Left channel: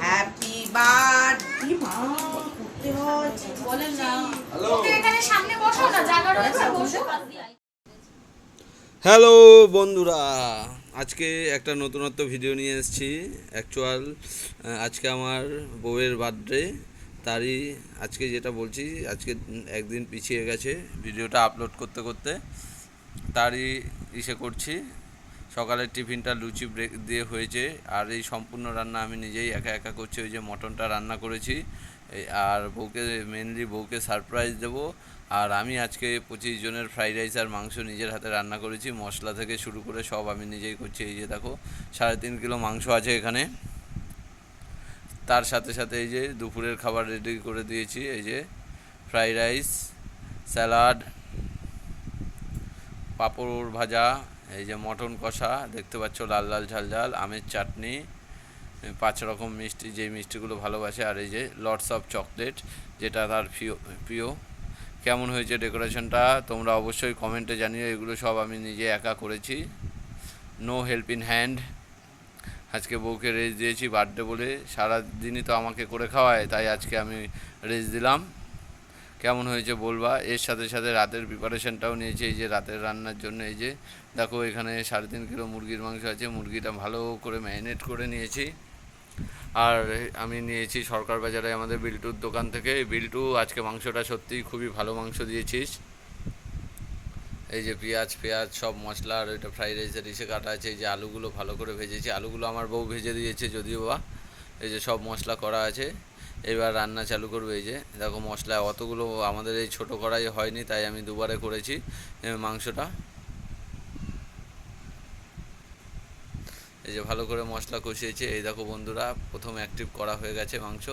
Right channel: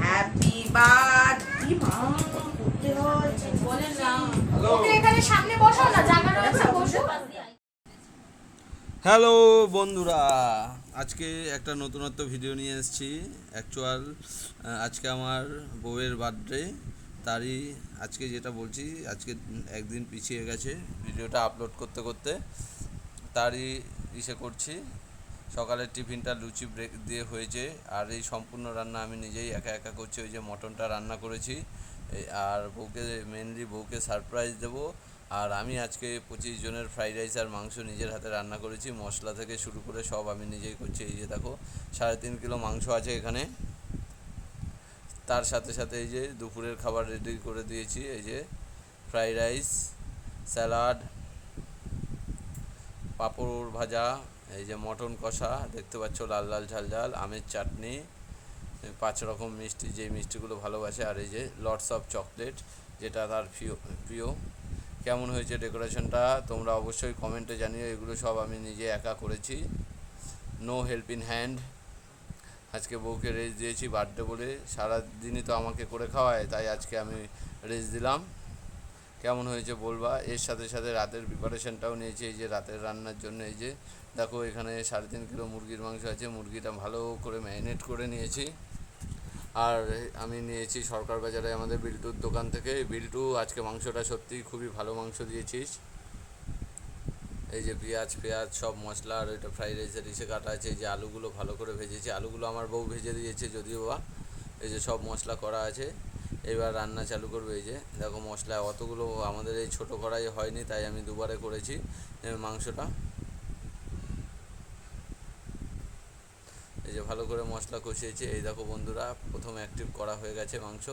Happy birthday মা। করতে হয় বলেন না এখানে সামনে বসো না জায়গা রয়েছে বসো। হ্যালো বন্ধুরা। আজকে একটা নতুনত্ব ভিডিও নিয়ে এসেছি অ্যাকচুয়াল আজকে আমার বউয়ের বার্থডে তারই আজকে যেটা বলছি আজকে একদিন পিছিয়ে গেছে ভিডিওটা আপলোড করতে করতে। তারই ইসে করছি। সকালের টিফিনটা লুচি ব্রেক দিয়ে হয়েছে, আর এই সম্পূর্ণ রান্না আমি নিজেই একা একা করছি, ওই যে মটনটা রান্না করেছি আর বউকে মেনলি বউকে সারপ্রাইজ দেবো, আর আমি আজকে পঁচিশ জনের ফ্রাইড রাইস আর মাংস নিজের হাতে রান্না করেছি, মশলা থেকে শুরু করে সব আমি নিজেই করছি, এই যে দেখো, সাড়ে তিন কিলো মাংস আছে এখানে, তার সাথে সাথে এই যে দুপুরের খাবার রেডি করে দিয়েছি, এই যে ফ্রাইড রাইস স্যালাড পাঁপড় ভাজা এই যে মটন কষা, দেখতে পাচ্ছ লাল লাল ঝাল ঝাল, আমের চাটনি পাঁচ রকম মিষ্টি যে মিষ্টিগুলো ভালোবাসে, আর এই যে লটস অফ চকলেট যেটা তার প্রিয় প্রিয়। কেমন হয়েছে ডেকোরেশনটা তোমরা অবশ্যই কমেন্টে জানিও, এগুলো সব আমি নিজে একা করেছি। নো হেল্প ইন হ্যান্ড আজকে বউকে রেস্ট দিয়েছি বার্থডে বলে সারা দিনই তো আমাকে করে খাওয়ায়, তাই আজকে আমি রেস্ট দিলাম। কেমন হয়েছে বলবা? এর সাথে সাথে রাতের প্রিপারেশনটাও নিয়েছি, এই যে রাতের রান্নার জন্য এই যে, দেখো এখানে সাড়ে তিন কিলো মুরগির মাংস আছে, মুরগিটা ভালো করে ম্যারিনেট করে নিয়েছি। আর আমি নিয়েছি সরকার বাজারে আমাদের বিল্টুর দোকান থেকে। বিল্টু, আজকে মাংসটা সত্যিই খুবই ভালো মাংস দিয়েছিস। এই যে পেঁয়াজ পেঁয়াজ, সব মশলা আর ওইটা ফ্রাইড রাইসের ইসে কাটা আছে, এই যে আলুগুলো ভালো করে ভেজেছি। আলুগুলো আমার বউ ভেজে দিয়েছে যদিও বা, এই যে সব মশলা করা আছে। এবার রান্না চালু করবে এই যে। দেখো মশলা অতগুলো, আমাদের এই ছোটো কড়াই হয়নি, তাই আমি দুবারে করেছি মাংসটা। এই যে ভালো করে মশলা কষিয়েছে। এই দেখো বন্ধুরা, প্রথম অ্যাক্টিভ করা হয়ে গেছে মাংস।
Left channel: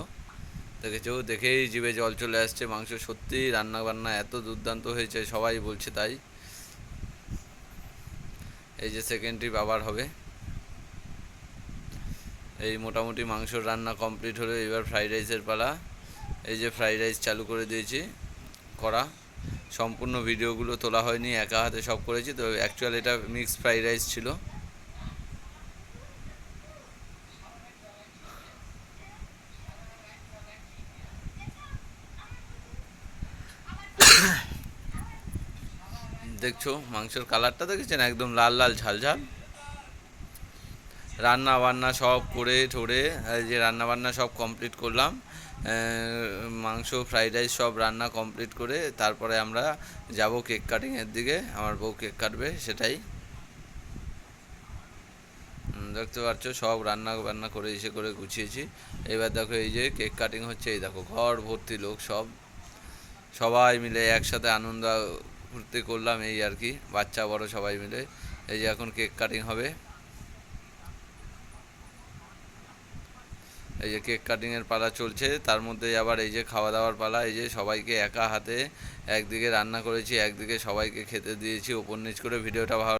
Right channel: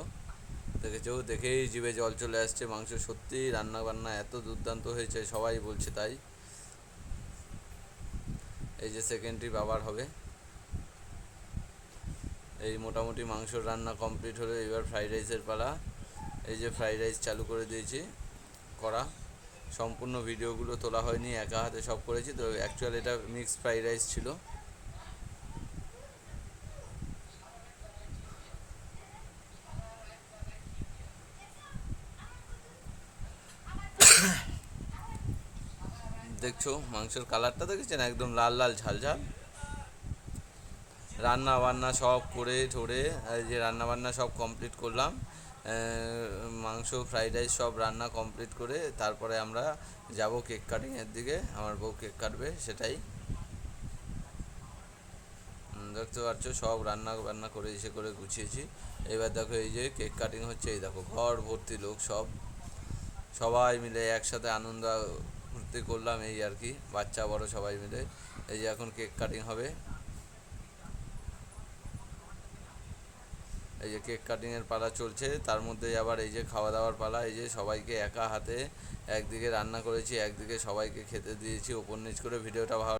দেখেছ? দেখেই জিভে জল চলে আসছে। মাংস সত্যি রান্না বান্না এত দুর্দান্ত হয়েছে, সবাই বলছে তাই। এই যে সেকেন্ড ট্রিপ আবার হবে। এই মোটামুটি মাংসর রান্না কমপ্লিট হলো, এবার ফ্রাইড রাইসের পালা। এই যে ফ্রাইড রাইস চালু করে দিয়েছি, করা। সম্পূর্ণ ভিডিওগুলো তোলা হয়নি, একা হাতে সব করেছি, তো অ্যাকচুয়াল এটা মিক্সড ফ্রাইড রাইস ছিল। দেখছ মাংসের কালারটা দেখেছেন? একদম লাল লাল ঝাল ঝাল। রান্না বান্না সব করে ঠোরে যে রান্না বান্না সব কমপ্লিট করলাম। মাংস ফ্রাইড রাইস সব রান্না কমপ্লিট করে তারপরে আমরা যাব কেক কাটিংয়ের দিকে। আমার বউ কেক কাটবে, সেটাই। দেখতে পাচ্ছ, সব রান্না বান্না করে এসে করে গুছিয়েছি। এবার দেখো এই যে কেক কাটিং হচ্ছে, এই দেখো ঘর ভর্তি লোক সব। সবাই মিলে একসাথে আনন্দ ফুর্তি করলাম এই আর কি। বাচ্চা, বড় সবাই মিলে। এই যে এখন কেক কাটিং হবে। এই যে কেক কাটিংয়ের পালা চলছে, তার মধ্যে আবার এই যে খাওয়া দাওয়ার পালা, এই যে সবাইকে একা হাতে একদিকে রান্না করেছি, একদিকে সবাইকে খেতে দিয়েছি ওপর নিচ করে ভিডিওটা ভালো